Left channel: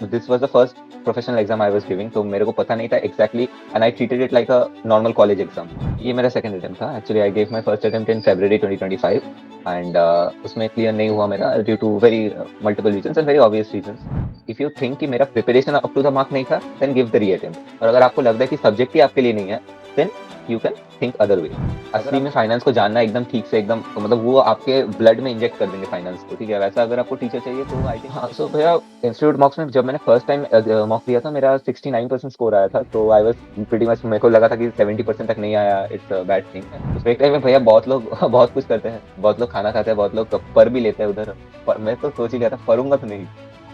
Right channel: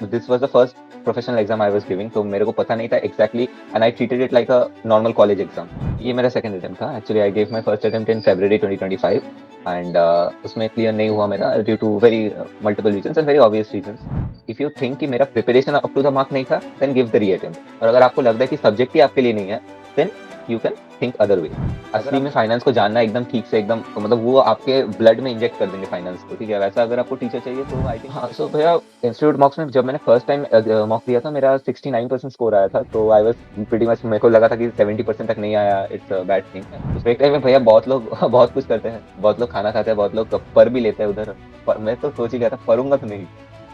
This was the first professional exam I was giving, तो मेरे को पता नहीं था exactly and I treated it like a normal college exam. ये मेरा सेकंड अटेम्प्ट था। Actually I gave my first attempt in February 2025 and उसमें क्लियर नहीं हुआ मेरा due to very multiple reasons and very obvious reasons. If you think कि मेरा preparation up to the mark नहीं था देन गिव द री अटेम्प्ट, और अगर आपको लगता है कि सब्जेक्ट ही आपके लिए नहीं है then you can think other way. असली में फाइनेंस को जानना एकदम ठीक से एकदम मतलब वो आपके ब्लड में इंजेक्ट कर देंगे फाइनेंस को, ठीक है। वैसा अगर आपको टीचर चाहिए तो आई थिंक हाँ। सो भैया इंस्टीट्यूट मॉक्स में जब मैंने फर्स्ट टाइम मॉक दिया था मेरा 69% स्कोर आया था, तो आई वाज प्रीटी मच, मेरे को लगा था कि 70% तक नहीं आया इट्स बैड थिंग। तो फेक टाइम में भैया बहुत लोग बहुत कुछ करते हैं, बहुत लोग खाना खाते हैं, बहुत लोग पर भी लेते हैं उधर। पर मैं तो सोच ही लिया था पढ़ूंगा तो नहीं,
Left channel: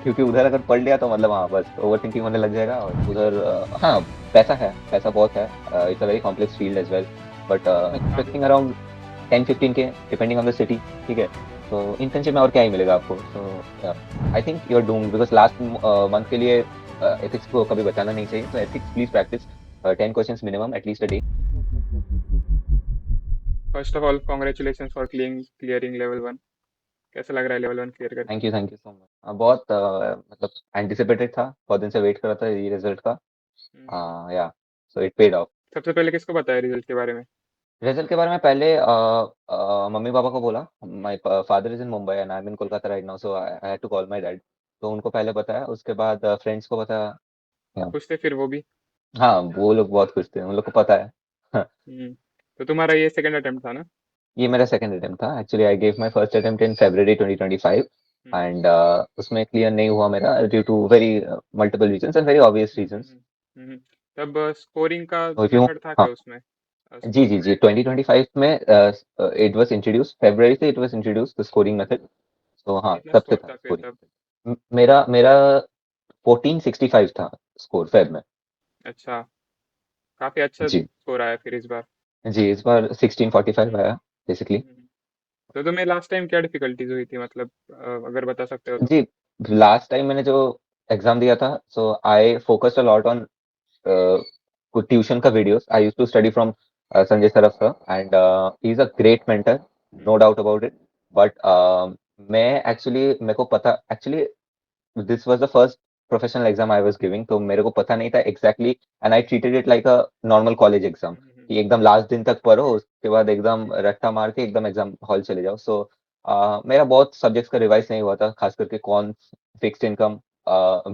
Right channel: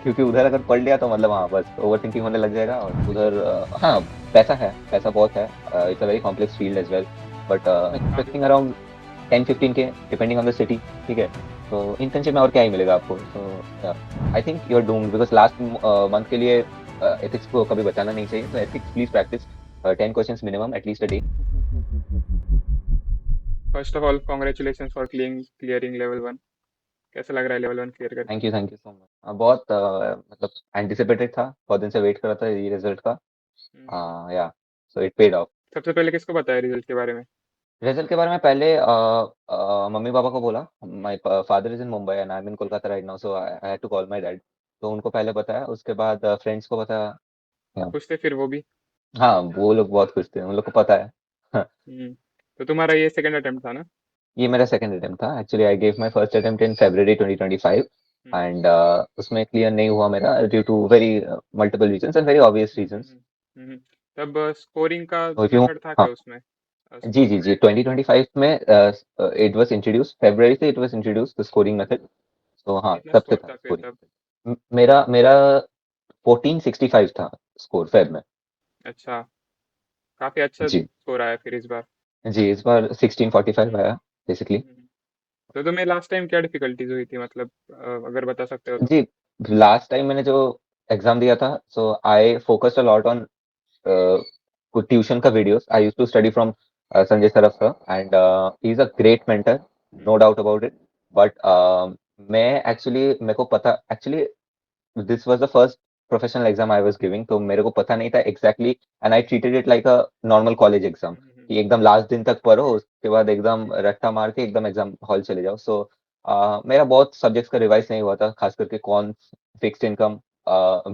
क्योंकि उधर अगर पढ़ लिया तो मतलब हाँ बस ओवर थिंकिंग होने लग जाएगा उधर। हाँ पैसा है, पैसा बहुत है, it's a very complex field as well, but expecting around 10-15 के डिपेंडिंग ऑन द सिटी, ठीक है। तो इंटर्नशिप में और क्या ही मिलेगा आपको। So I think you are doomed because last month के लिए एथिक्स को कभी बचाना नहीं चाहिए। तो ethics please practice 10 questions minimum at least a day. First of all congratulation for clearing level 1। कैसा लग रहा है लेवल 1 क्लियर करके? Thank you so much. बहुत मतलब एंटिसिपेटेड था, बहुत दिन से वेट कर रहा था ये रिजल्ट का। हम्म। या सो इट पेड ऑफ। सबसे पहले किसको बताया रिजल्ट के बारे में? रिजल्ट के बारे में पहले मम्मी पापा को बोला। My father is in Mumbai and I am in Kolkata right now, so I had to call my dad. तो उनको पहले बताया, उसके बाद फ्रेंड्स को बताया। Yeah. खुश थे फिर वो भी? हाँ वो लोग बहुत खुश थे, उन लोग को पता है। हाँ, हम्म। तो तुम्हारा ये सेकंड अटेम्प्ट था ना? ये मेरा सेकंड अटेम्प्ट था। Actually I gave my first attempt in February 2025 hmm. And उसमें क्लियर नहीं हुआ मेरा due to very multiple reasons and very obvious reasons. Hmm. तब स्कोरिंग का तो क्यों मेथड था हाँ क्या उसमें? जी जी जी 2025 में इट वाज इंट्रोड्यूस, फरवरी से it was introduce the scoring method. तो हाँ कितना तब से स्कोर था था फिर स्कोरिंग। तब? मेरा मेरा 1465 था स्कोर फेब में। अच्छा, काफी अच्छा जी स्कोर आया फिर इस बार। जी इस बार 1645 आया बेसिकली। हम्म। तो तुम्हें लास्ट टाइम क्या डिफिकल्टीज हुई थी मतलब, अगर बता सकते हो तो? जी लास्ट टाइम मैंने जो एग्जाम दिया था so I focused a lot on कुछ ट्यूशन का videos. I used to study from Sanjay Saraf sir and he is a great mentor, no doubt about it. But मैं एक्चुअली मेरे को पता actually this was the first professional exam I was giving, तो मेरे को पता नहीं था exactly and I treated it like a normal college exam कि एकदम लास्ट दिन तक पढ़ो, उसके बाद एकदम रट्टा मार के एकदम एग्जाम हॉल चले जाओ। सो मेरा बहुत सब्जेक्ट्स का रिवाइज नहीं हुआ था, खास करके कौन fixed income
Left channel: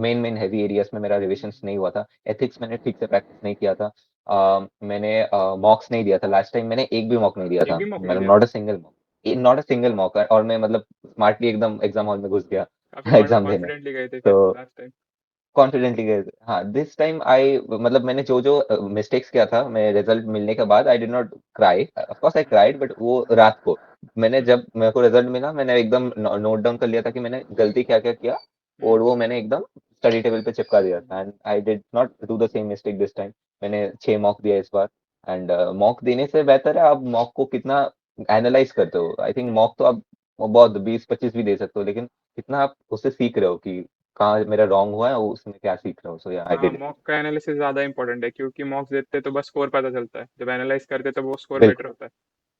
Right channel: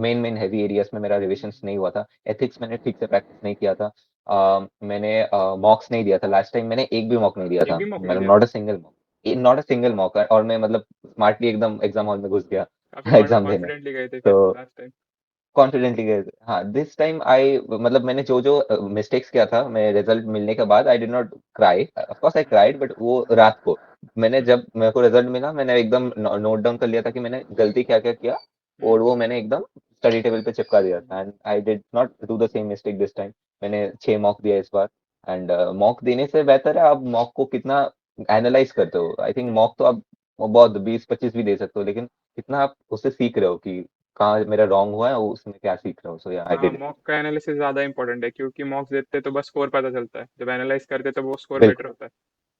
main main heavy areas में मेरा रिविजन नहीं हुआ था। एथिक्स मैंने ठीक से प्रैक्टिस नहीं किया था। मैंने मॉक्स नहीं दिया था लास्ट टाइम, मैंने एक भी मॉक नहीं दिया एक था, भी मौका नहीं मतलब दिया नॉट था? A single mock, not a single mock. और मैं मतलब स्मार्टली एकदम एग्जाम हॉल में घुस गया काफी एग्जाम देने। कॉन्फिडेंटली गए थे तो फिर लास्ट टाइम? कॉन्फिडेंटली गए थे। हाँ दिस टाइम आई मतलब मैंने जो जो मिस्टेक्स किया था, मैं रिजल्ट मिलने के बाद I did not cry, of course I cried, but वो रात को मैंने जब मेरे को रिजल्ट मिला मैंने एकदम नोट डाउन कर लिया था कि मैंने गलती क्या क्या किया, और वो मैंने एकदम स्टडी टेबल पे चिपका दिया था and I did not do the same mistake this time. मैंने 6 मॉक दिया इस बार एंड मॉक देने से बेहतर है आप मॉक को कितना एनालाइज करते हो। आई थिंक मॉक तो आप बहुत 20-25 भी दे सकते हो, लेकिन कितना आप उससे सीख रहे हो कि कहाँ मेरा रॉन्ग हुआ है, उसमें क्या सीख रहा हूँ। सो या आई हाँ, डिड इट। मॉक का एनालिसिस ज्यादा इंपॉर्टेंट है क्योंकि मॉक्स देते तो बस स्कोर पता चलता है, जब एनालाइज करते तो वो स्कोर बेटर बिल्कुल होता है।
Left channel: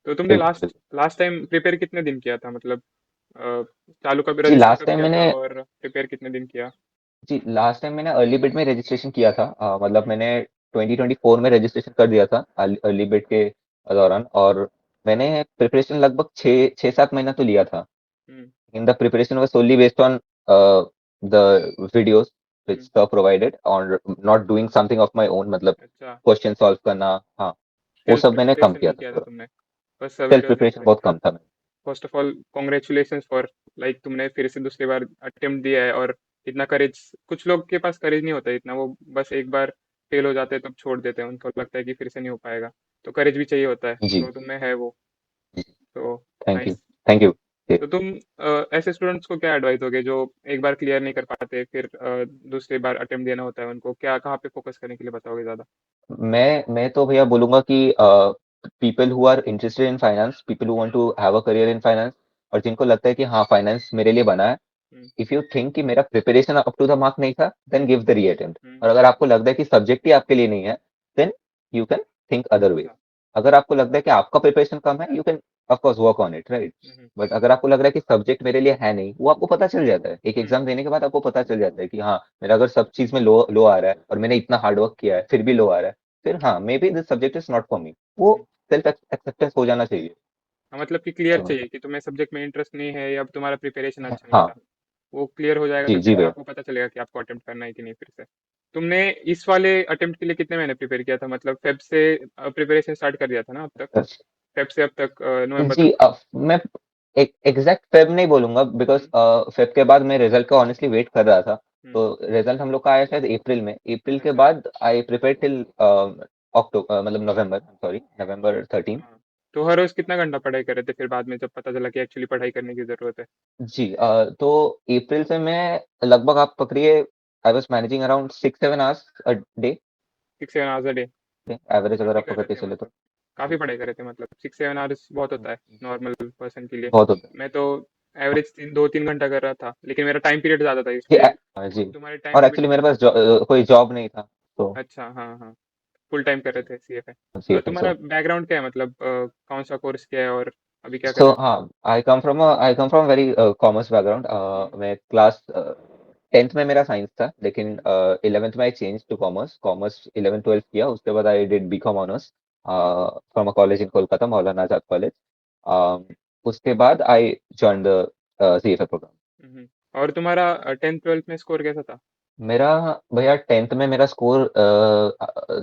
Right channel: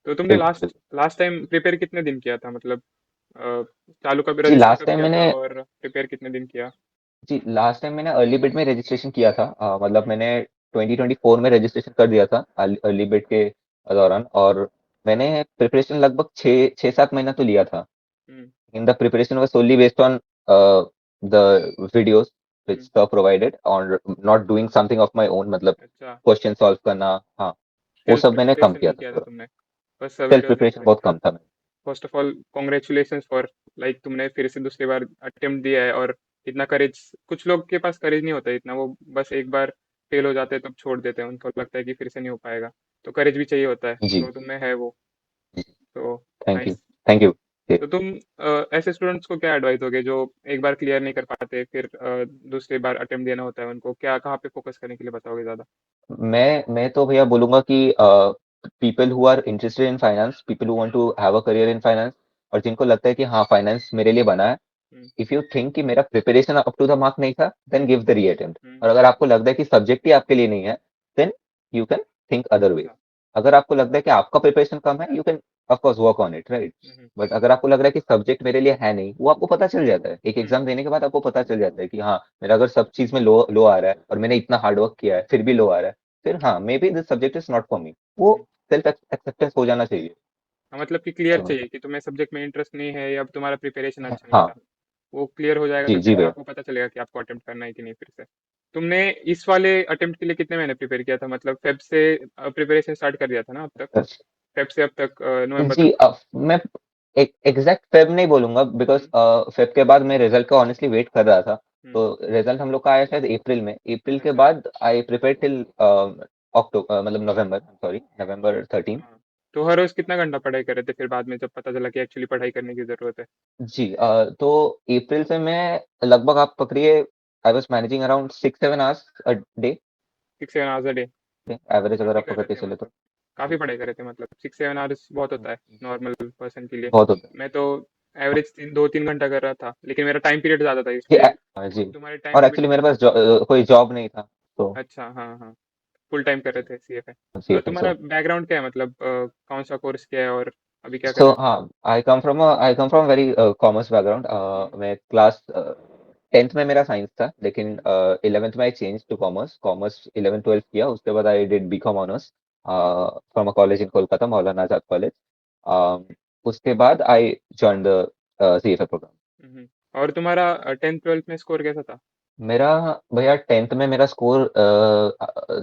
तो तुमने बिल्कुल लास्ट बिल्कुल। लास्ट टाइम प्रिपेयर कितने दिन किया था मतलब? अ, चालू का भी जी रजिस्टर लास्ट कब टाइम किया था मैंने और प्रिपेयर कितने दिन किया? जी लास्ट टाइम मैंने अर्ली बिट में रजिस्ट्रेशन किया था। मतलब मैंने 2024 में रजिस्ट्रेशन कर दिया था अर्ली बिट के दौरान, और मैंने प्रिपरेशन लगभग 6-7 महीना तो लिया था। Hmm. In the preparation was solely based on the videos which hmm. sir provided और not doing something of my own, मतलब अच्छा, क्वेश्चन सॉल्व करना। हाँ वो सेल्फ सब मैंने कम प्रिपरेशन किया नहीं था किया था थोड़ा। तुमने? बस सेल्फ वीडियोस देख प्रिपरेशन के? बहुत कम था। First of all congratulation for, like तुमने फिर से दूसरी बार अटेम्प्ट दिया है, और इतना करेज, कुछ लोग के पास करेज नहीं होता इतना, वो बस एक बार फेल हो जाते हैं तब छोड़ देते हैं, उनको लगता है कि फिर से नहीं हो पाएगा। तो करेज भी चाहिए होता है, जी तो तुम्हें है वो। जी तो thank you nice. Thank you. तो तुम ऐसे स्टूडेंट्स को क्या एडवाइस दोगे जो एक बार क्लियर नहीं कर पाते, फिर दूसरी बार अटेम्प्ट देना होता है उनको, क्या कहाँ पे फोकस करने के लिए बताओगे ज्यादा? मैं तो भैया बोलूंगा कि people who are interested in finance, people who want to have a career in finance, और जिनको लगता है कि हाँ फाइनेंस मेरे लिए बना है, हम्म। इफ यू थिंक कि मेरा preparation up to the mark नहीं था then give the reattempt. Hmm. और अगर आपको लगता है कि सब्जेक्ट ही आपके लिए नहीं है then you can think other way. अच्छा। अगर आपको लगता है कि आपका प्रिपरेशन कम है you can of course work on it, right. Hmm, but अगर आपको लग रहा है कि सब्जेक्ट मेरे लिए है नहीं, वो आपको पता चल जाता है एक हम्म, एग्जाम देने के बाद, आपको पता चल जाता है कि हाँ, मेरा अगर सब चीज में लो लो आ रहा है और मैंने इतना हार्ड वर्क किया है फिर भी लो आ रहा है, फिर हाँ, may be this subject is not for me, वो हम्म। सेल्फ एक्सेप्टेंस हो जाना चाहिए। हाँ, मतलब कि क्लियर अ, चाहिए कि तुम्हें सब्जेक्ट में इंटरेस्ट नहीं है या तुम्हारा प्रिपरेशन अच्छा नहीं हाँ। था। वो क्लियर हो जाएगा तो जी जी फिर भैया। आपको पता चलेगा कि आपको अटेम्प्ट करना है कि नहीं फिर से। तुमने इस वाले अटेम्प्ट के लिए कितने महीने प्रिपेयर किया था, मतलब फेब से प्रिपरेशन स्टार्ट कर दिया था ना अब तक? फेब से अब तक नवंबर जी, तक। मैं एक एग्जैक्ट फेब नहीं बोलूंगा, बिकॉज हम्म, फेब के बाद मैं रिजल्ट का ऑनेस्टली वेट कर रहा था। हम्म, रिजल्ट हम लोग का आया शायद अप्रैल में, अप्रैल के अच्छा। बाद आई प्रिपेयर टिल अक्टूबर, मतलब नवंबर, सॉरी, नवंबर 13। हाँ, तो हर रोज कितना घंटा पढ़ाई कर रहे थे फिर बाद में जब पता चला कि एक्चुअली पढ़ाई करने की जरूरत है? जी, तो अप्रैल से मैं लगभग, आप पकड़िए, I was managing around 6-7 hours a day, 6-7 hours a day? Average अगर काफी आप कर पकड़ रहे के थे चले तो। मतलब। काफी जी, पढ़ाई कर रहे थे मतलब, 6-7 आवर्स बहुत होता है नॉर्मल पर्सन के लिए। बहुत होता मैं तो एवरेज 2-3 घंटा कर रहा था, लेकिन मेरा टाइम पीरियड ज्यादा था है। इसलिए जी, तुम्हारे टाइम और लिमिट एक्चुअली में। मेरे पास कोई जॉब नहीं था, तो अच्छा, हाँ हाँ, फुल टाइम कर रहे थे सीएफए। सी और एफ तुम्हारा बैकग्राउंड क्या है, मतलब कौन सा कोर्स किया है और अभी क्या कर सो रहे हाँ, I come from very commerce background. मैं क्लास 10th में मेरा साइंस था, लेकिन 11th में I change to commerce. Commerce 11 12 किया, उसके बाद I did BCom honours from a college in Kolkata, Maulana Azad college. उसके बाद I join the CFA programme. हो? और तुम्हारा 10th 12th में स्कोर कैसा था? मेरा, भैया, 10th में मेरा स्कोर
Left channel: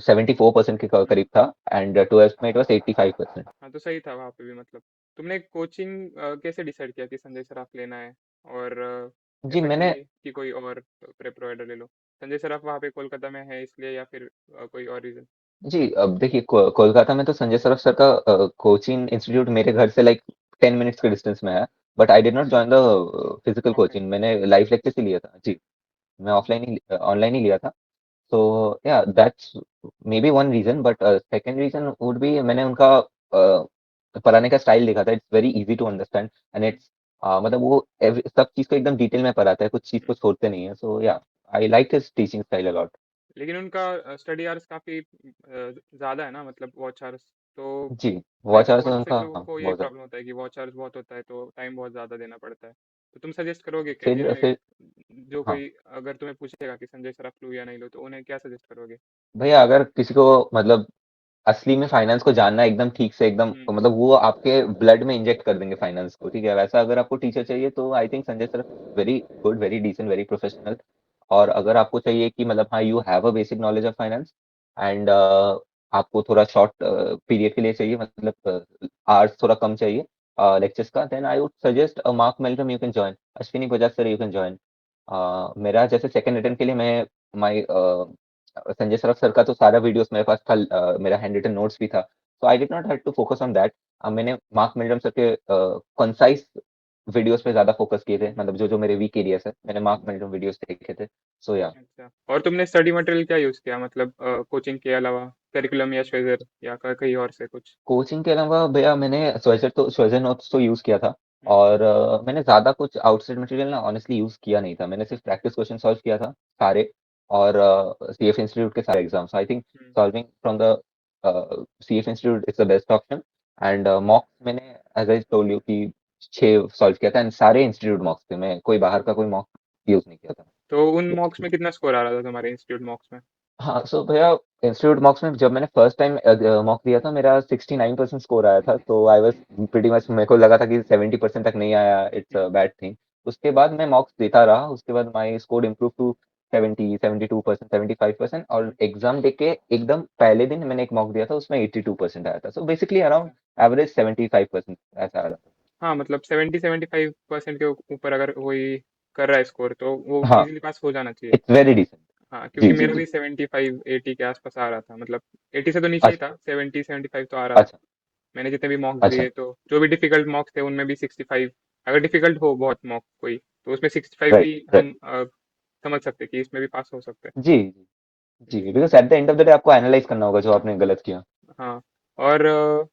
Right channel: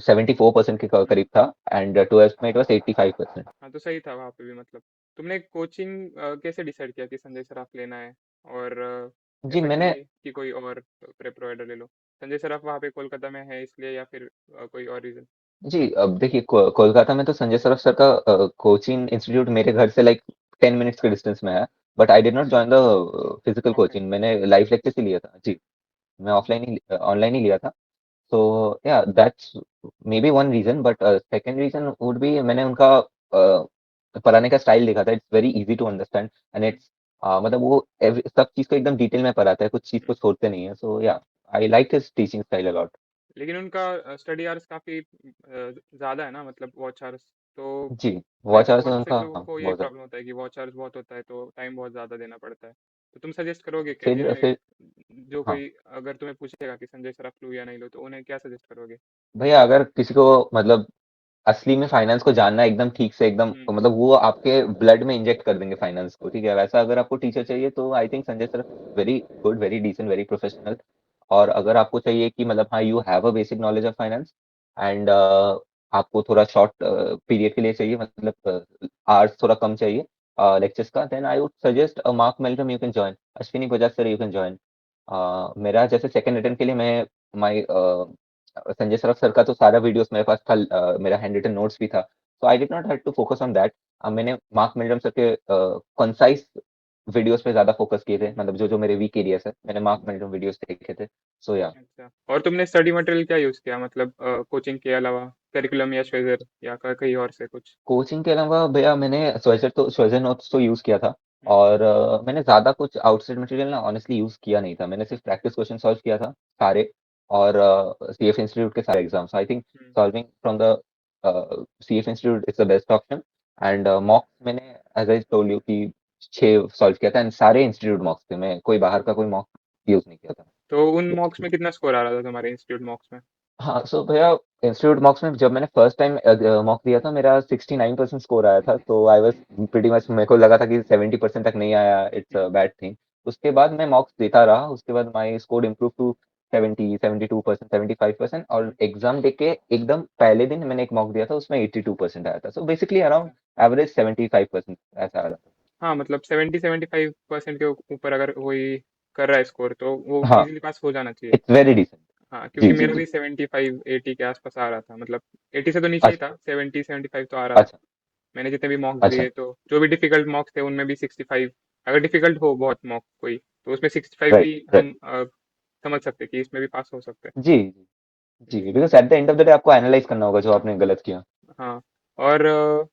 74% के करीब था, एंड 12th में इट वाज 85%। हाँ, तो सही था वहाँ पे भी मतलब। तुमने कोचिंग कैसे डिसाइड किया कि संजय सराफ लेना है, और जी, ऐसा मैंने, कि कोई और प्रेप प्रोवाइडर ले लो? संजय सराफ वहाँ पे कोलकाता में है इसलिए, या फिर कोई और रीजन? जी, अब देखिए, कोलकाता में तो संजय सराफ सर का कोचिंग इंस्टीट्यूट मेरे घर से लाइक 10 मिनट्स के डिस्टेंस में है। But I did not join the physical offline? Coaching, मैंने लाइव लेक्चर ही लिया था जी। मैं ऑफलाइन ही, ऑनलाइन ही लिया था। तो yeah that's may be one reason, but second reason would be, मैंने उनका पढ़ाने का स्टाइल देखा था। It's very easy to understand, and it's, मतलब वो सब चीज को एकदम डिटेल में पढ़ाता है, कुछ चीज को छोड़ते नहीं है। So yeah, I like his teaching style a lot. लेकिन उनका स्टडी आवर्स काफी ज्यादा है ना, मतलब वॉच आवर्स। तो जी, लाइक वॉच आवर्स बहुत से उनका, लोगों हाँ, को ये बहुत ज्यादा। प्रॉब्लम होता है कि वॉच आवर्स बहुत होता है तो टाइम बहुत ज्यादा देना पड़ता है। तो तुम सजेस्ट करोगे कि जिन्हें, फिर जो हाँ, कोई अगर तुम्हें पूछेगा कि संजय सराफ लूँ या नहीं लूँ, तो उन्हें क्या सजेस्ट करोगे? भैया, अगर किसी को मतलब असली में फाइनेंस को जानना है एकदम ठीक से, एकदम हम्म, मतलब वो आपके ब्लड में इंजेक्ट कर देंगे फाइनेंस को, ठीक है, वैसा अगर आपको टीचर चाहिए तो I think Sanjay sir very good, very decent, very professional. और अगर आपको चाहिए कि मतलब हाँ, you have a basic knowledge of finance, and आपको थोड़ा शॉर्ट पीरियड के लिए चाहिए, मतलब आवर्स थोड़ा कम चाहिए लेक्चर्स का, then I would suggest Mark Meldrum, you can join, Ashwini Bajaj sir, you can join. मेरा जैसे सेकंड अटेम्प्ट के लिए मैं, माई संजय सराफ सर का तो सारा वीडियोस मेरे पास था, मेरा हैंड रिटन नोट्स भी था, तो I did not have to focus on that. मैंने मार्क मिल्टन सर के कंसाइज वीडियोस पे ज्यादा फोकस किए थे, मतलब जो जो मेरे वीक एरियाज है, मैंने मार्क मिल्टन वीडियोस देखे थे। सो या, अच्छा। और तुमने स्टडी मटेरियल क्या यूज़ किया, मतलब कोचिंग के अलावा? करिकुलम या श्वेजर या कहीं और से कुछ? कोचिंग के अलावा भैया मैंने स्वेजर नोट्स तो यूज किया था। हम्म, और मैंने ज्यादा कुछ आउटसाइड मटेरियल ना ऑनेस्टली यूज किया नहीं था, मैंने सिर्फ प्रैक्टिस क्वेश्चन सॉल्व किया था सारे, और सीएफ इंस्टीट्यूट के सारे exams, I think hmm. Solving from the CF institute is the best option. And मॉक्स मैंने, एज आई टोल्ड यू, कि 6 सॉल्व किया था, एंड सारे इंस्टीट्यूट मॉक्स थे, मैं कोई बाहर का कोई मॉक यूज नहीं किया था। तो उन मॉक्स में कितना स्कोर आ रहा था तुम्हारे इंस्टीट्यूट मॉक्स में? हाँ, सो भैया, इंस्टीट्यूट मॉक्स में जब मैंने फर्स्ट टाइम मॉक दिया था, मेरा 69% स्कोर आया था, तो आई वाज प्रीटी मच, मेरे को लगा था कि 70% तक नहीं आया, it's a hmm, bad thing. उसके बाद मैं मॉक्स देता रहा, उसके बाद माई स्कोर इम्प्रूव टू 72%, 75%, और हम्म। एग्जाम दे के एकदम पहले दिन मैंने एक मॉक दिया था, उसमें 82% आया था, सो बेसिकली अराउंड अच्छा। एवरेज 75% ऐसा आ रहा हाँ, मतलब 70-75% के ऊपर अगर कोई कर रहा है स्कोर तो वो था। हाँ, इजीली पास हो जाना चाहिए। It's very decent. हाँ, जी क्योंकि जी मेरा जी। भी 75-80 के आसपास आ रहा था, मतलब 80 से तो नीचे ही अच्छा था, 70-75 तो आ रहा था। अच्छा मैंने जितने भी मॉक्स अच्छा। दिए, तो जो भी डिफिकल्ट मॉक्स थे उनमें भी 65, अगर डिफिकल्ट हो बहुत मॉक कोई, तो उसमें 65 राइट भी राइट। हम समझ सकते हैं कि इसमें भी पास हो सकते जी जी, हैं। Because at the end of the day आपको एनालाइज करना होगा जो आपने गलत किया। हाँ। और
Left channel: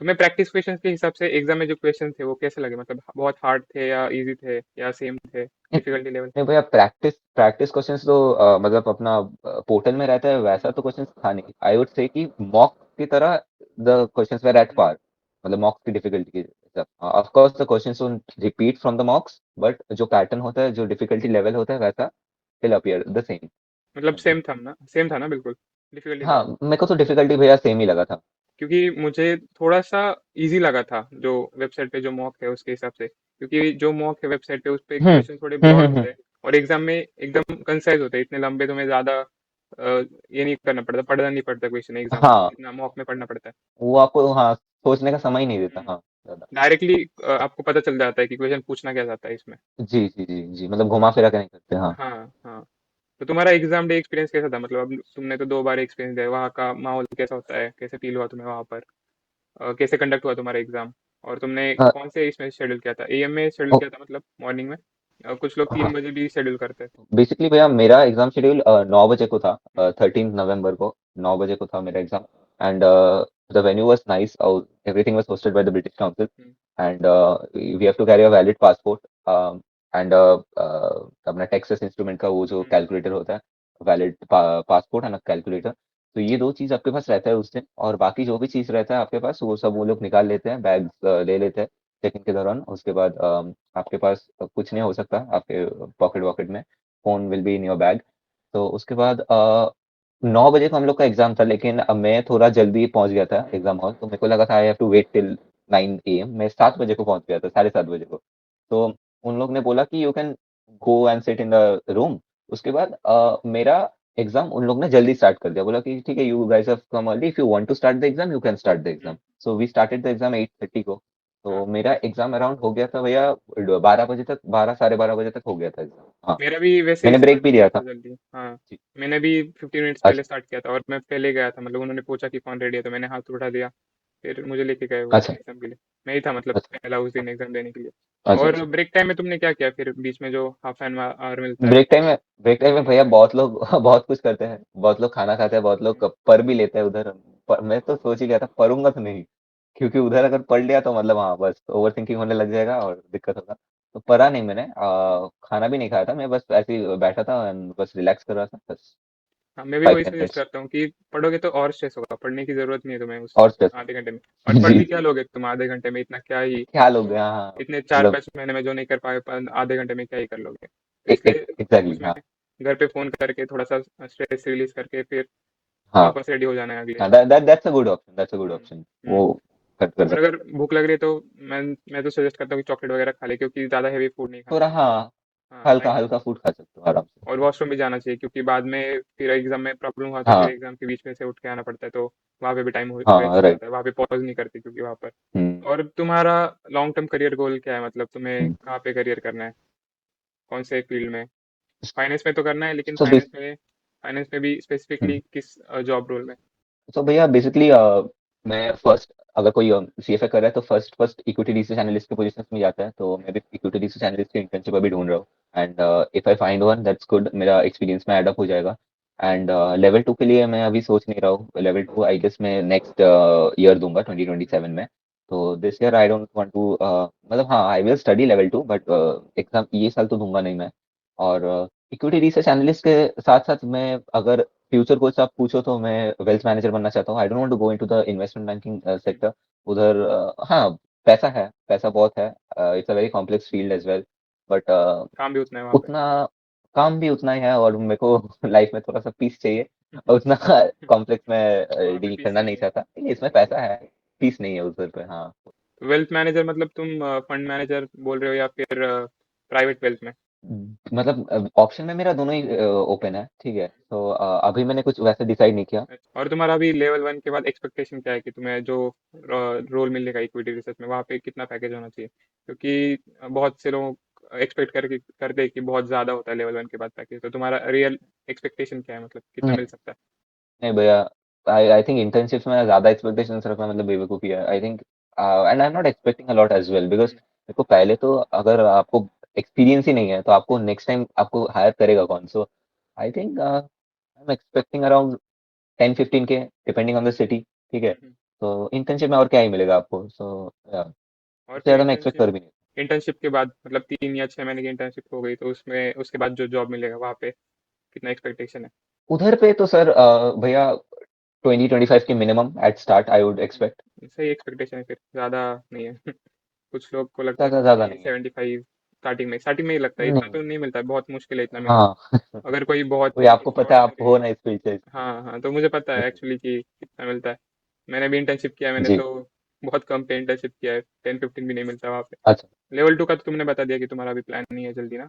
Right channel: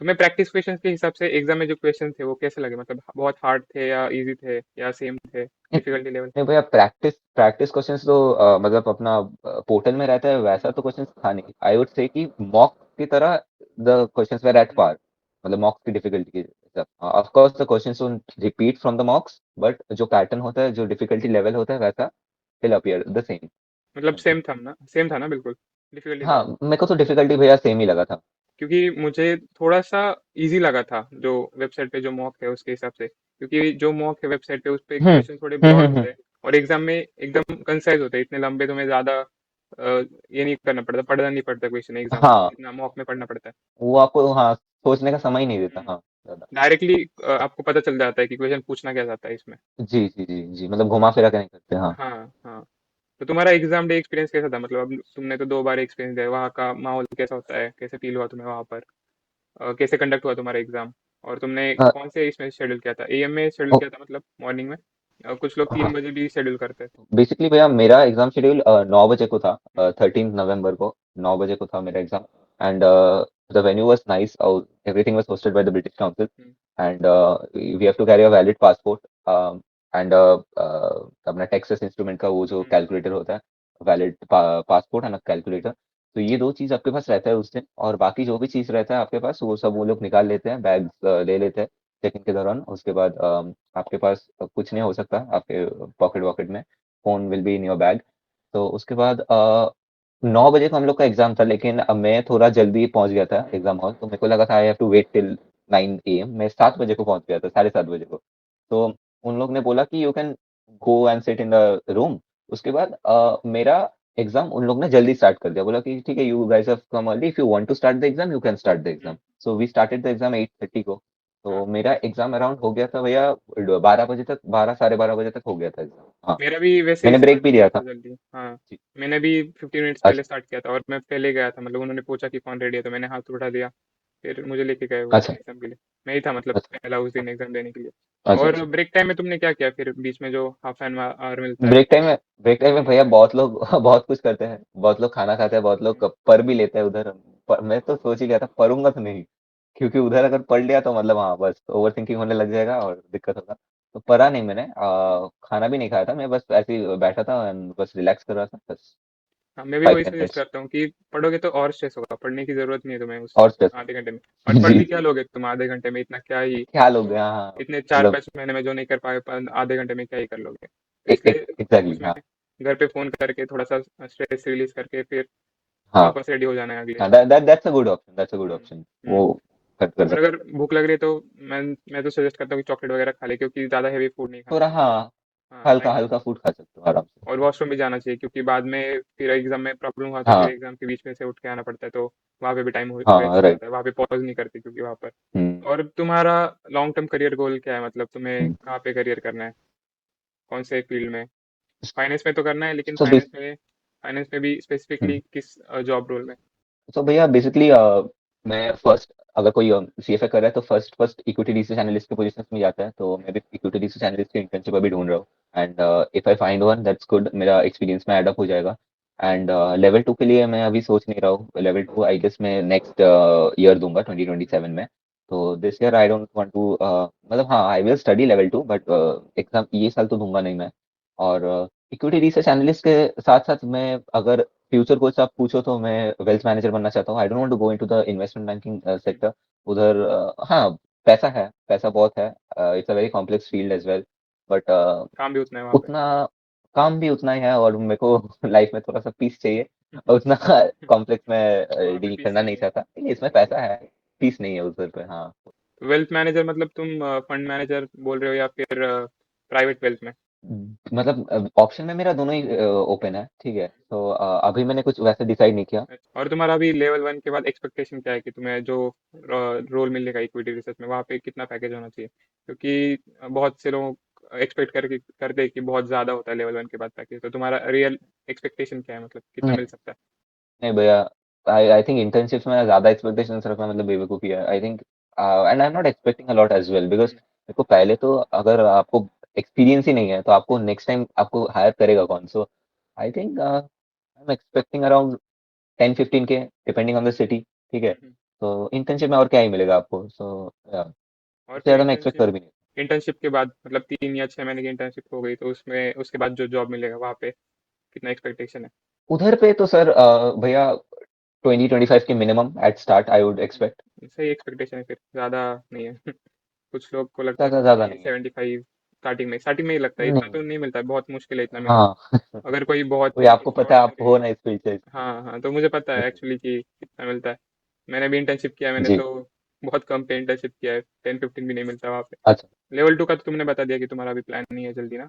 तुम्हें प्रैक्टिस क्वेश्चंस के हिसाब से एग्जाम में जो क्वेश्चन थे वो कैसे लगे, मतलब बहुत हार्ड थे या इजी थे या सेम थे नहीं डिफिकल्टी लेवल? नहीं भैया, प्रैक्टिस प्रैक्टिस क्वेश्चंस तो मतलब अपना पोर्टल में रहता है, वैसा तो क्वेश्चंस था नहीं, आई वुड से कि मॉक की तरह the questions were at par. मतलब मॉक्स की डिफिकल्टी के हिसाब। Of course the questions won't repeat from the mocks, but जो पैटर्न होता है, जो डिफिकल्टी लेवल होता है, वैसा विल अपीयर द सेम। मतलब सेम था ना बिल्कुल, डिफिकल्टी तो। हाँ, मेरे को तो डिफिकल्टी भैया सेम ही लगा था। क्योंकि मुझे थोड़ा सा इजी लगा था जो वेबसाइट पे जो मॉक है उसके हिसाब से, क्योंकि जो मॉक है वेबसाइट पे उस पे हम्म क्वेश्चन थोड़े ब्रॉड होते हैं और एग्जाम में एकदम कंसाइज होते हैं, इतने लंबे तुम्हें ज्यादा ये नहीं करना पड़ता, पढ़ना नहीं पड़ता क्वेश्चन एग्जाम में, है, इतना मॉक नहीं करना पड़ता। वो आपको, हाँ, सोचने का समय ही नहीं देता। हाँ, डायरेक्टली आपको पता चल जाता है कि क्वेश्चन पूछना क्या चाहता है इसमें। जी जी जी जी, मतलब घुमा फिरा के नहीं करते। हाँ। हाँ हाँ। तो तुम्हारा एग्जाम डे एक्सपीरियंस कैसा था, मतलब अब तुमने तो 2 बार एक्सपीरियंस दिया, वहाँ का माहौल कैसा होता है, कैसे फील हुआ तुम्हें वहाँ पर, कैसे कंडक्ट हुआ तुम्हारा एग्जाम, और तुमने हाँ, कौन से इसमें शेड्यूल किया था, एएम में शेड्यूल किया था मतलब मॉर्निंग में, कुछ लोग 3 बजे भी शेड्यूल करते हैं। बेसिकली भैया मेरा एग्जाम शेड्यूल 9 बजे को था, 13 नवंबर को 9 बजे को था मेरा exam. And the venue was nice, everything was hosted by the British Council. And we have to carry a valid passport and अपना टेक्सास इंस्ट्रूमेंट का वो जो कैलकुलेटर होता है, वैलिड पासपोर्ट एंड कैलकुलेटर। तो ये दो चीज आपके पास रहता है उस दिन, और बाकी जो भी चीज रहता है आपके पास वो सब वो लोग निकाल लेते हैं, बैग ले लेते हैं चेकिंग के दौरान। उसके बाद आपके पास कुछ नहीं हो सकता आपके पॉकेट वॉकेट में, phone will be in your bag. तो उसके बाद 9 बजे को हम लोग का एग्जाम था, लेकिन मैं थोड़ा जल्दी पहुंच गया था एग्जाम हॉल, तो मेरे को लगा था I have to wait till 9 AM। मैं 7 बजे को पहुंच गया था, 7:30 बजे को। तो उन लोग ने बोला कि you can go and sit in the room. उसके बाद मेरा एग्जाम उन लोग ने जल्दी स्टार्ट कर दिया, बोला कि ठीक है, you guys have come early, if you want to start the exam you can start the exam. So we started the exam 8:30 को। तो हाँ, मेरा एग्जाम अराउंड हो गया था भैया 12 बजे तक, 12 साढ़े 12 बजे तक हो गया था एग्जाम। हाँ, मेरा भी वैसे ही मैंने ब्रेक स्टार्ट भी हो गया लिया था था। जल्दी, हाँ। जी। मैंने भी 15 मिनट्स पहले अच्छा स्टार्ट किया था और मैं पहले गया था, मतलब उन्होंने पूछा कि कौन रेडी है, तो मैंने हाथ उठा दिया, फिर मुझे लेके गए वो अच्छा एग्जाम के लिए। मैं ही था मतलब अच्छा पहला उस दिन एग्जाम देने के लिए। अच्छा और अच्छा। ब्रेक टाइम में तुमने क्या किया फिर, बीच में जो हाफ एन आवर मिलता है? ब्रेक टाइम में भैया बहुत लोग बहुत कुछ करते हैं, बहुत लोग खाना खाते हैं, बहुत लोग पर भी लेते हैं उधर। मैं तो सोच ही लिया था पढ़ूंगा तो नहीं, क्योंकि उधर अगर पढ़ लिया तो मतलब हाँ बस ओवर थिंकिंग होने लग जाएगा और दिक्कत होगा। तो पढ़ा नहीं मैंने, खाना भी नहीं खाया था, मैं बस ऐसे ही बैठा था and बस रिलैक्स कर रहा था बस। हाँ, मैं भी फाइव वही सजेस्ट मिनट्स करता हूँ कि पढ़ोगे तो और स्ट्रेस होगा, पढ़ने की जरूरत नहीं है तुम्हें उस और सिर्फ आधे घंटे में। और पढ़ जी भी क्या लोगे तुम आधे घंटे में, इतना क्या ही, ख्याल हो गया। हाँ, इतने चार मतलब पाँच महीने में जो नहीं कर पाए आधे घंटे में क्या ही कर लोगे, तो इसलिए एग्जैक्टली। उसमें हाँ घर पे फोन करके थोड़ा सा स्ट्रेस रिलीज करके फिर हाँ वापस रेडी हो जाना है अगले हाँ, दिन। That's a good option, that's a good hmm, option. Hmm. वो कर और सकते अगर भूख लग रही है तो मैं मैं तो सजेस्ट करता हूँ कि चॉकलेट वगैरह खा ले, क्योंकि ज़्यादा हैवी फूड नहीं हैं। खाना थोड़ा चाहिए। हाँ, हाँ, हल्का ताकि, हल्का फूड खा सकते हो आराम से। और वॉशरूम भी जाना चाहिए, क्योंकि बाद में फिर एग्जाम में प्रॉब्लम हुआ तो फिर हाँ एग्जाम के बीच में से उठ के आना पड़ता है, तो वहाँ पे भी टाइम हाँ वेस्ट हो राइट। जाता है, वहाँ पे पॉज नहीं करती क्योंकि वहाँ पर। हम्म और तुम्हारा लॉन्ग टर्म करियर गोल क्या है, मतलब तुम्हें हम्म। कहाँ पे करियर करना है, कौन से फील्ड में? फाइनेंस में तो करना है, लेकिन सो फाइनेंस में भी स्पेसिफिकली किस जॉब रोल में? सो भैया बेसिकली मैं फर्स्ट, अगर कोई सीएफए कर रहा है तो first first equity research analyst के पोजीशन में जाता है, तो मैं भी इक्विटी रिसर्च एनालिस्ट की इंटर्नशिप अभी ढूंढ रहा हूँ। And if I find one that's good, मेरा एक्सपीरियंस में एडअप हो जाएगा। एंड लेवल 2 के लिए मैं अभी सोच नहीं रहा हूँ, लेवल 2 आई गेस मैं नेक्स्ट ईयर दूंगा 2027 में। तो this year I don't want to, मतलब हाँ I will study level 2, but exam ये साल तो दूंगा नहीं मैं। और इक्विटी रिसर्च एनालिस्ट के साथ साथ मैं, अगर फ्यूचर गोल्स आप पूछो तो मैं वेल्थ मैनेजर बनना चाहता हूँ। I don't want to go into the investment banking sector. उधर हाँ, पैसा है, पैसा बहुत है, it's a very complex field as well, but काम भी उतना है वहाँ पे। उतना काम भी उतना ही है, और मेरे को लाइफ में थोड़ा सा पीस चाहिए, और उतना कॉम्प्लेक्स में वहाँ पे डील पीस करना नहीं चाहिए। चाहता, लेकिन इसमें पैसा है, पीस नहीं है उधर पे। हाँ, वेल्थ मैनेजर मतलब तुम फंड मैनेजर बोल रहे हो या फिर प्राइवेट वेल्थ में? मतलब ऑप्शन में मेरा दोनों ही ओपन है, ठीक है, तो अभी मैंने कुछ वैसे डिसाइड नहीं किया। और तुम्हारा अभी लेवल 1 के बाद एक्सपेक्टेशन क्या है कि तुम्हें जो रोल मिलेगा इक्विटी रिसर्च में, वहाँ पे कितना पैकेज होना चाहिए? क्योंकि बहुत से लोग एक्सपेक्ट करते हैं कि बहुत ज़्यादा होता है लेवल 1 के बाद पैकेज, तो तुम्हारा रियल एक्सपेक्टेशन क्या है, मतलब कितना मिल सकता है? नहीं भैया, आई आई थिंक इंटर्नशिप्स में ज्यादा एक्सपेक्टेशंस रखना मतलब बेवकूफी है, I think. And I am not expecting a lot as well, because देखो पहले तो अगर आपको एक्सपीरियंस ही नहीं है तो आपको नेक्स्ट टाइम आपको हायर करेगा कौन? So I think I am expecting around 10-15 के, डिपेंडिंग ऑन द सिटी, ठीक है। हम्म। तो इंटर्नशिप में और क्या ही मिलेगा आपको, सो और उससे फिर ज्यादा मैं एक्सपेक्ट इंटर्नशिप कर भी नहीं। इंटर्नशिप के बाद मतलब 3 या 6 महीने की इंटर्नशिप हो गई, तो उसमें उसके बाद जो जॉब मिलेगा वहाँ पे कितना एक्सपेक्टेशन है? उधर पे तो सर भैया 20-25 की minimum at start I would expect. सही एक्सपेक्टेशन है फिर, ज़्यादा नहीं है। कुछ लोग को लगता है ज़्यादा 50 नहीं है। 75 स्टार्टिंग में ही लगता है, इतना नहीं, तो नहीं मिलता है, बहुत मुश्किल है इतना मिलना। हाँ। अगर कोई बहुत वही आपको पता है, आप एक्स्ट्राऑर्डिनरी। हो ना इस फील्ड से। हाँ हाँ, तो मुझे पता है एक्चुअली कि कितना मिलता है। मैंने भी इंटर्नशिप किया है, मैंने जी, तो बहुत कम पे इंटर्नशिप किया है, 10-15 भी नहीं मिलता वहाँ पे। अच्छा। लेवल 2 का तो तुमने बता दिया कि तुम्हारा अभी प्लान नहीं है जल्दी ना,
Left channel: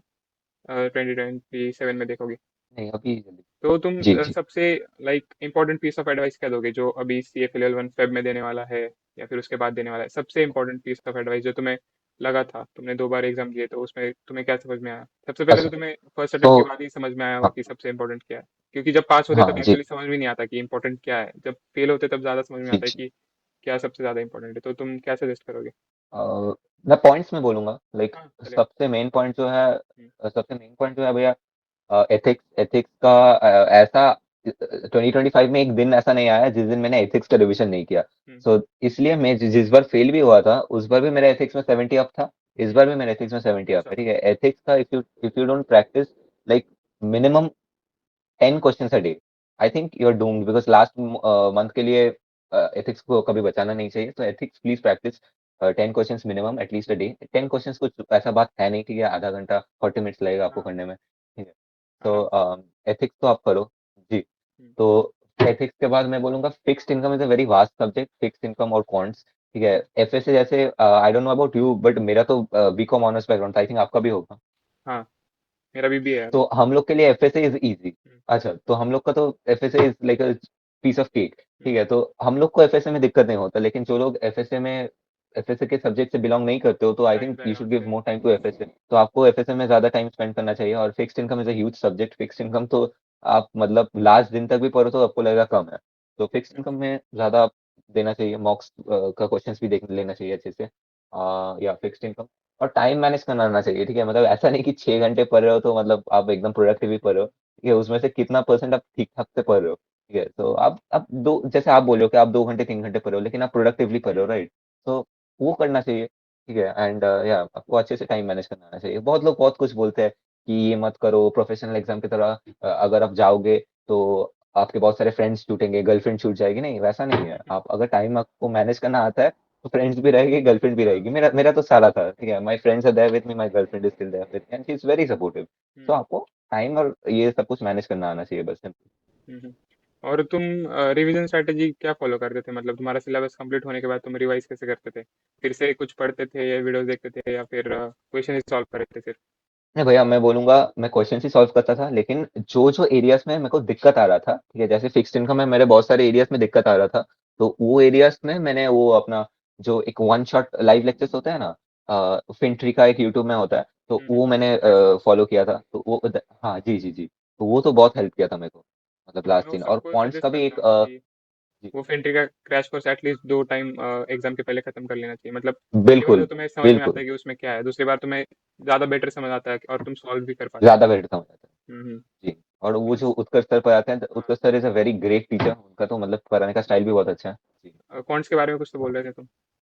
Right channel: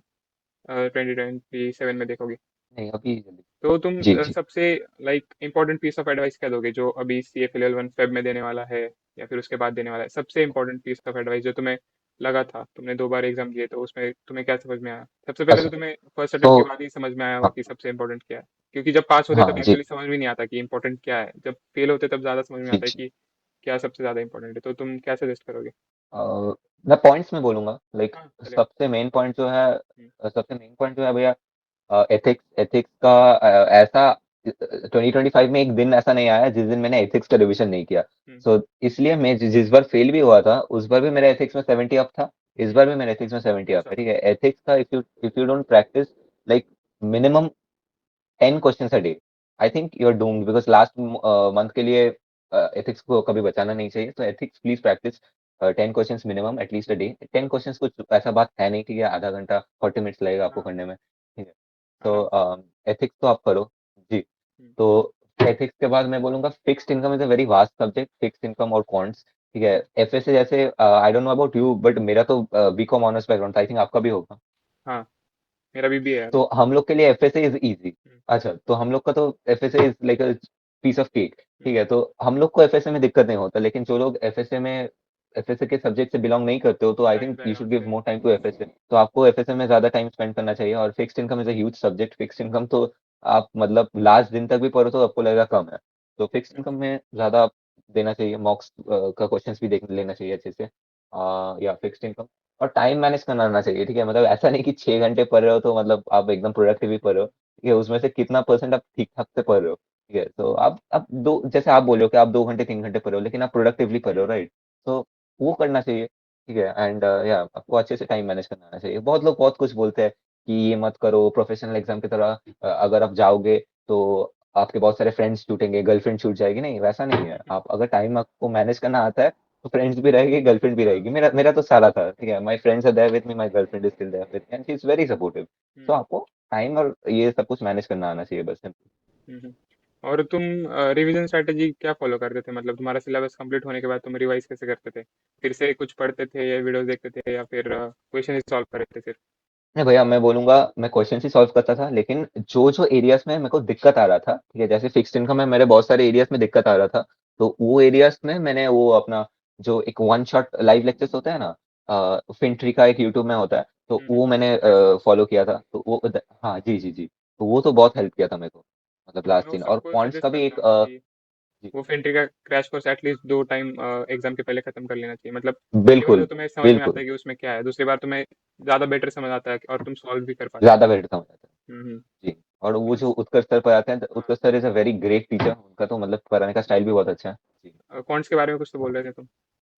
2027 में देखोगे। नहीं, अभी जल्दी। तो तुम जी, जी। सबसे like important piece of advice क्या दोगे जो अभी C F L L one Feb में देने वाला है, या फिर उसके बाद देने वाला है? सबसे इंपॉर्टेंट पीस ऑफ एडवाइस जो तुम्हें लगा था, तुमने 2 बार एग्जाम दिए तो उसमें तुम्हें क्या समझ में आया? सबसे पहले तो अच्छा, तुम्हें फर्स्ट तो अटेम्प्ट के बाद ही समझ में आया होगा हाँ, कि सबसे इंपॉर्टेंट क्या है, क्योंकि जब पास होते हाँ, तब जी, एक्चुअली समझ में नहीं आता कि इंपॉर्टेंट क्या है, जब फेल होते तब ज्यादा समझ में जी, आता है जी। कि क्या सबसे ज्यादा इंपॉर्टेंट है। तो तुम क्या सजेस्ट करोगे? मैं पॉइंट्स में बोलूँगा, लाइक हाँ चलेगा। सबसे मेन पॉइंट जो है, हम्म, सबसे मेन पॉइंट जो है भैया, एथिक्स एथिक्स का, ऐसा 2025 में एक दिन ऐसा नहीं आया जिस दिन मैंने एथिक्स का रिवीजन नहीं किया। हम्म, सो इसलिए मैं जिस बार फेल भी हुआ था उस बार भी मेरा एथिक्स में 70 अप था। इस बार भी मेरा एथिक्स में 70 अप अच्छा। है, ठीक है। एथिक्स का, if you don't practice like minimum 10 questions a day, I think you are doomed, because last month के लिए एथिक्स को कभी बचाना नहीं चाहिए। तो ethics please practice 10 questions minimum at least a day. 10 questions कुछ ऐसा बात है नहीं, ठीक है, आधा घंटा 40 मिनट्स लगेगा आपको हाँ। करने में, ठीक है। तो एथिक्स तो आप करो जी। हम्म, तो एथिक्स के बाद मैं बोलूंगा fixed income is a very vast subject, fixed income और क्वांट्स, ठीक है। एफएसए जैसे, I don't know about you, but मेरा तो बीकॉम ऑनर्स बैकग्राउंड था, आई थिंक आपका भी होगा। हाँ मेरा भी है। तो हम लोग के लिए एफएसए इज इजी। हम्म, अच्छा, तो हम लोग का तो FSA is like a piece of cake, hmm, ठीक है। तो हम लोग को एफएसए में दिक्कत नहीं होता, लेकिन जो लोग एफएसए के सब्जेक्ट से बिलोंग नहीं करते हो, तो I science think you should background give से। More time to FSA. तो आपको एफएसए में ज्यादा टाइम स्पेंड करना चाहिए। और fixed income is a huge subject. Fixed income तो आप मतलब लास्ट दिन तक भी पढ़ो तो आपको लगेगा कम है। तो फिक्स्ड इनकम में ज्यादा देना चाहिए, मॉक्स का क्वेश्चंस भी देख लेना चाहिए अच्छे से, या फिक्स्ड इनकम। और टाइम मैनेज करना आना चाहिए, ठीक है। मतलब ऐसा नहीं कि 6 घंटे पढ़ रहे हो तो मतलब आप एकदम प्रोडक्टिव ही पढ़ रहे हो, ठीक है। उसमें से कितना परसेंट आप ठीक ठाक से पढ़ रहे हो, ठीक है। तो आप दो, जैसे आप बोल रहे हो कि आप 2 घंटे 3 घंटे पढ़ रहे हो, लेकिन आप प्रोडक्टिवली पढ़ रहे हो, राइट। तो वो करना चाहिए, ठीक है। एंड या आपको अच्छे से टाइम मैनेज करना आना चाहिए। बहुत लोग बहुत कुछ बोलते हैं कि ये मत करो, प्रोफेशनल एग्जाम की तरह अगर आप जाओगे तो आपके बहुत सारे फ्रेंड्स छूटेंगे, गर्लफ्रेंड छूट जाएगी। नहीं, वैसा नहीं है। आप अगर टाइम आपको मैनेज करना आता है तो फ्रेंड्स भी रहेगी, गर्लफ्रेंड भी हाँ। रहेगी। मेरा मेरा तो सारा था, ठीक है। My friends are there with me, my girlfriend is still there with me and she is very supportive. तो हम्म, आपको टाइम और ये सब कुछ मैनेज करना आना चाहिए बस। हम्म। और तुम रिवीजन स्ट्रेटेजी क्या फॉलो करते थे? मतलब तुम्हारा सिलेबस कंप्लीट होने के बाद तुम रिवाइज कैसे करते थे? फिर से कुछ पढ़ते थे या वीडियोस देखते थे, या फिर क्वेश्चन ही सॉल्व करते थे फिर? नहीं भैया, मैं बोलूंगा मैं क्वेश्चन ही सॉल्व करता था, लेकिन जो जो एरियाज में मेरे को दिक्कत आ रहा था, ठीक है, जैसे फिक्स्ड इनकम में मेरे बहुत सारे एरियाज में दिक्कत आ रहा था, तो वो एरियाज में मैंने वो अपना जो एक वन शॉट लाइव लेक्चर्स होता है ना, फिनट्री का एक यूट्यूब में होता है, तो वो मैंने क्रैश कोर्स। फॉलो किया था। तो वो हाँ, जी, जी, जी। तो वो तो बहुत हेल्प किया था मेरे को, मतलब हाँ, मैं लास्ट वो दिन। और सबको क्वांट्स का सजेस्ट भी करता एक हूँ कि जी, वो फेंट्री का crash course at least 2 time exam के पहले खत्म कर लेना चाहिए। मतलब पहली बार तो बिल्कुल, तुम्हें समझ में आता बिल्कुल, है कि उसमें क्या है, दूसरी बार तुम्हें ज्यादा बेटर समझ आता है और तुम सॉल्व भी कर पाते ज्यादा बेटर समझ आता है। हो। हम्म। जी। और वो जो मीन्स। उत्कर्ष सर पढ़ाते हैं, हाँ। Utkarsh sir is a very great teacher. उनका तो मतलब पढ़ाने का स्टाइल भी बहुत अच्छा है। जी। कॉन्ट्स के बारे में कुछ तो बोल रहे थे तुम?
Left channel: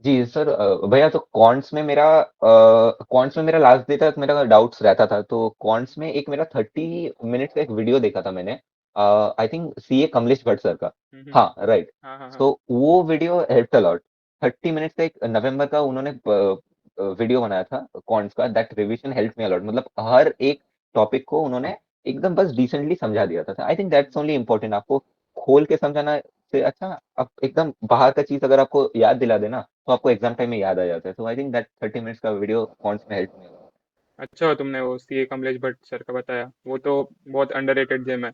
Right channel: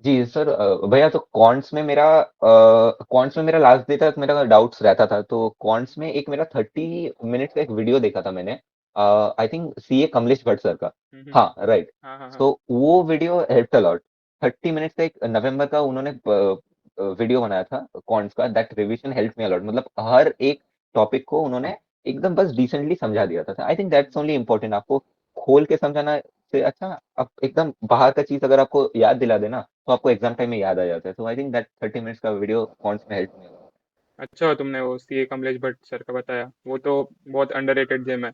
जी सर, भैया तो कॉन्ट्स में मेरा लास्ट डे तक मेरा डाउट्स रहता था। तो कॉन्ट्स में एक मेरा 30 मिनट का एक वीडियो देखा था मैंने, I think CA Kamlesh Bhatt sir का। हम्म। हाँ, राइट। हाँ हाँ हाँ। तो वो video helps a lot. 30 minutes का एक नवंबर का उन्होंने वीडियो बनाया था कॉन्ट्स का, that revision help me a lot. मतलब हर एक टॉपिक को उन्होंने एकदम बस डिसेंटली समझा दिया था। I think that's only important. आपको खोल के समझाना से अच्छा, आप एकदम बाहर का चीज अगर आपको याद दिला देना तो आपको एग्जाम टाइम में याद आ जाता है। तो आई थिंक दैट 30 मिनट्स का वीडियो कॉन्ट्स में हेल्प मी। अच्छा हुआ तुमने वो सी ए कमलेश भट्ट सर का बताया, वो तो बहुत अंडररेटेड जेम है।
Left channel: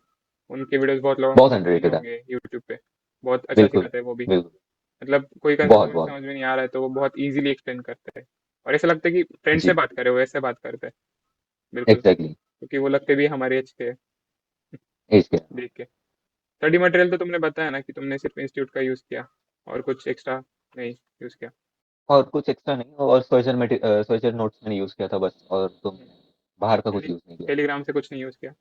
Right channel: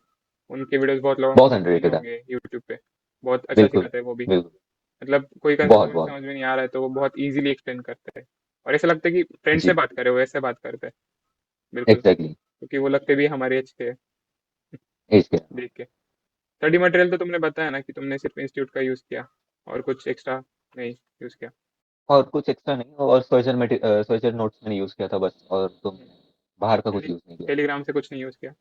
उनके वीडियोस बहुत लोगों बहुत को देखे ही अंडररेटेड है। होंगे यूट्यूब पे। बहुत अच्छा बिल्कुल, सिखाते हैं वो भी। बिल्कुल। मतलब कोई कंसेप्ट बहुत मुझे बहुत। समझ में नहीं आ रहा है तो वो बहुत इजीली एक्सप्लेन करते हैं, और ऐसा लगता है कि फ्रेंड जी, से बात कर रहे हो, वैसे बात करते हैं। बिल्कुल, एग्जैक्टली। क्योंकि वो लगते भी हमारे एज के हैं, एज के। देख के। स्टडी मटेरियल तो तुमने बताया ना कि तुमने सिर्फ इंस्टीट्यूट का यूज़ किया, और कुछ एक्स्ट्रा नहीं यूज़ किया? और कुछ एक्स्ट्रा नहीं, और सोल्जर नोट्स मैंने यूज किया था बस, और तो बाहर का कुछ टेली यूज नहीं किया। टेलीग्राम से कुछ नहीं यूज़ किया?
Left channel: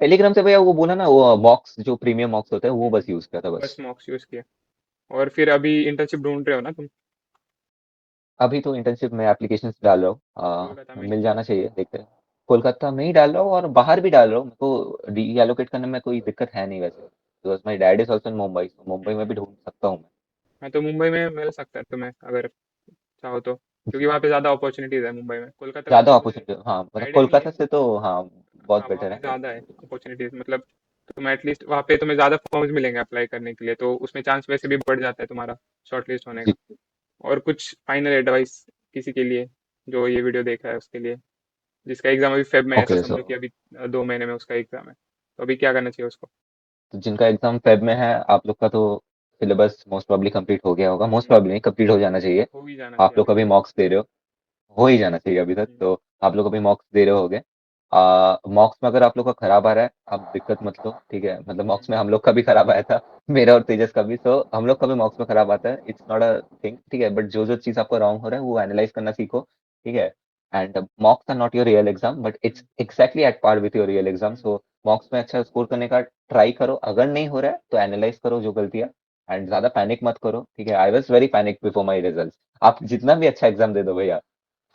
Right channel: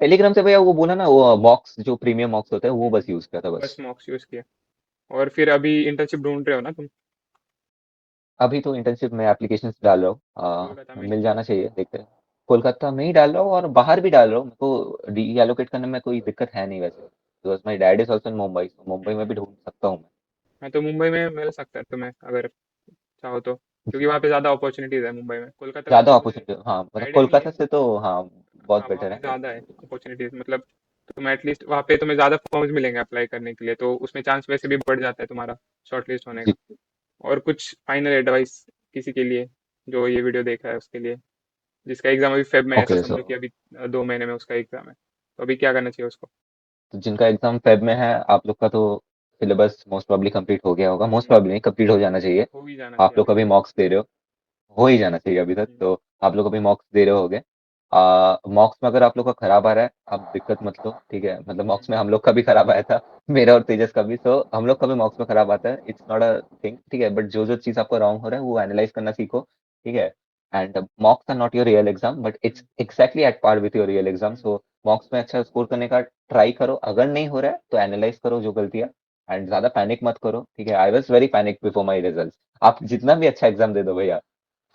टेलीग्राम से भैया वो बोला ना, वो मॉक्स जो प्रीमियम मॉक्स होते हैं वो बस यूज किया था बस बस। मॉक्स यूज़ किया। और फिर अभी इंटर्नशिप ढूंढ रहे हो ना तुम? अभी तो इंटर्नशिप में एप्लीकेशंस डाल रहा हूँ, कोलकाता में? मिल जाना चाहिए, देखते हैं। कोलकाता में ही डाल रहा हूँ और बाहर भी डाल रहा हूँ। मेरे को डी एलोकेट करने में कोई दिक्कत है नहीं वैसे। Because my dad is also in Mumbai, तो मुंबई में भी ढूंढ सकता हूँ मैं। हाँ तो मुंबई में मिल सकता है तुम्हें अगर चाहो तो, क्योंकि वहाँ पे ज़्यादा अपॉर्चुनिटीज़ है मुंबई में। कोलकाता का तो ज्यादा मुझे अपॉर्चुनिटी, हाँ मतलब आइडिया नहीं है। कोलकाता से तो हाँ बहुत हाँ वहाँ बेटर पे है। ज़्यादा है अपॉर्चुनिटीज़, मतलब तुम एटलीस्ट वहाँ पे तुम्हें ज़्यादा फॉर्म्स मिलेंगे अप्लाई करने के लिए, तो उसमें चांस वैसे भी बढ़ जाता है तुम्हारा शॉर्ट लिस्ट होने जी। का। और कुछ फाइनल एडवाइस किसी के लिए जो ये वीडियो देख रहा है उसके लिए, जिसका एग्जाम अभी फेब में है, ऐसा ओके सो समझो कि अभी 2 महीने में उसका एग्जाम है, तो अभी क्या करना चाहिए उसको? जिनका एग्जाम फेब में है, आप लोग का तो सिलेबस मोस्ट प्रॉब्ली कंप्लीट हो गया होगा, मोस्ट प्रॉब्ली नहीं कंप्लीट हो जाना चाहिए। हो ही जाना आप चाहिए लोग अभी कभी तक। मॉक्स दे रहे हो ही जाना चाहिए अभी तक हम्म, तो। आप लोग अभी मॉक्स दे रहे होगे। मॉक्स में अगर आप लोग का खराब आ रहा है, आप दिक्कत मत लो, ठीक है, मतलब हम्म, मॉक्स में हम लोग का भी खराब आया था, मेरा और तेजस का भी, तो हम लोग का भी मॉक्स में खराब आता है, इट्स नॉट अ थिंग, ठीक है, बट जो जो चीज आपको रॉन्ग हो रहा है वो एनालाइज करना सीखो, ठीक है। And mocks are not your real exam, but it's exactly at par with your real exam, hmm, so mocks में अच्छा स्कोर करने का ट्राई करो, अगर नहीं हो रहा है तो एनालाइज करो जो गलतियां, एंड ज्यादा पैनिक मत करो, ठीक है। I was very panic before my result. आप जितना भी अच्छा एग्जाम दे दो भैया,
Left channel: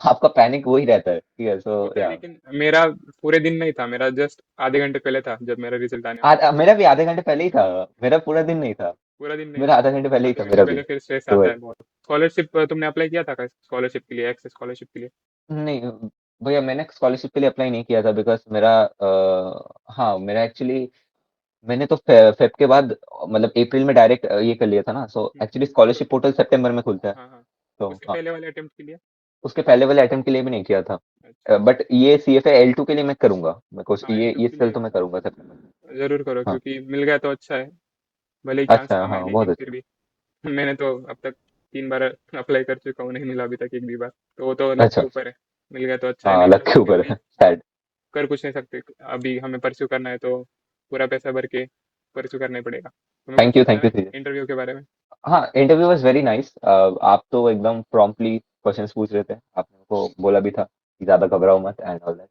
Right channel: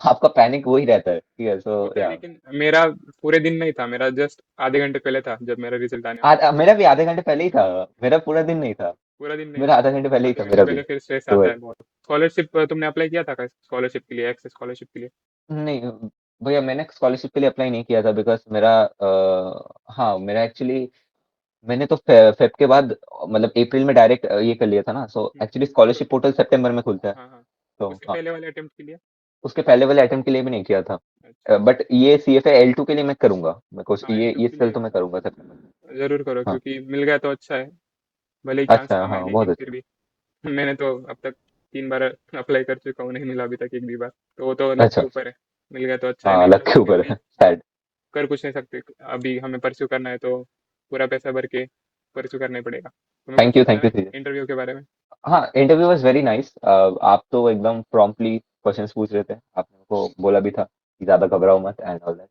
आपका पैनिक वही रहता है, ठीक है, सो होता है, या। लेकिन मेरा पूरे दिन नहीं था, मेरा जस्ट आधे घंटे पहले था जब मेरा रिजल्ट आने वाला था। मेरा भी आधे घंटे पहले ही था, मेरा पूरा दिन नहीं था। पूरा दिन नहीं मेरा था, आधा घंटे पहले ही आधे था घंटे मेरा भी, पहले फिर स्ट्रेस तो आता वही। है बहुत। स्कॉलरशिप तुमने अप्लाई किया था क्या स्कॉलरशिप के लिए, एक्सेस स्कॉलरशिप के लिए? नहीं भैया, मैंने स्कॉलरशिप के लिए अप्लाई नहीं किया था, बिकॉज मेरा हाँ मेरा एक्चुअली, मैंने तो फेब के बाद, मतलब अप्रैल में डायरेक्ट ये कर लिया था ना, सो हम्म, एक्चुअली स्कॉलरशिप पोर्टल सितंबर में खुलता है, हाँ हाँ। तो उसके हाँ। पहले वाले अटेम्प्ट के लिए? उसके पहले वाले अटेम्प्ट के लिए भी नहीं किया था, अच्छा। बट ये CFA L2 के लिए मैं करूंगा, मैं कुछ हाँ एल टू ये के सेल लिए तो मैं करूंगा सितंबर में। जरूर करो, हाँ। क्योंकि मिल गया तो अच्छा है, भले ही चांस अच्छा, कम हाँ है बहुत लेकिन फिर अच्छा। भी। मैंने तो अब तक 3 बार अप्लाई कर चुका हूँ, नहीं मिला अभी तक एक भी बार, तो वो तो लक के अच्छा। ऊपर है। मिल गया तो अच्छा है, हाँ नहीं लक मिला के तो फिर ऊपर भी है शायद। कर कुछ नहीं सकते। अभी हमें परस्यू करना है तो पूरा पैसा भर के परस्यू करना ही पड़ेगा। तुम्हें कुछ सुनना थैंक यू है थैंक। इंटरव्यू के बारे में? हाँ इंटरव्यू वाज वेरी नाइस, आप तो एकदम प्रॉम्प्टली क्वेश्चंस पूछ रहे थे, आपने को बोला भी था कि ज्यादा घबराओ मत एंड ऑल दैट,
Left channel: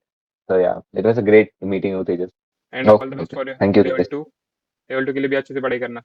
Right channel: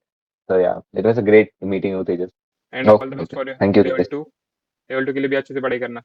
तो yeah it was a great meeting with Tejas. And all the best okay for thank you level Tejas. Two. Level 2 के लिए भी अच्छे से पढ़ाई करना।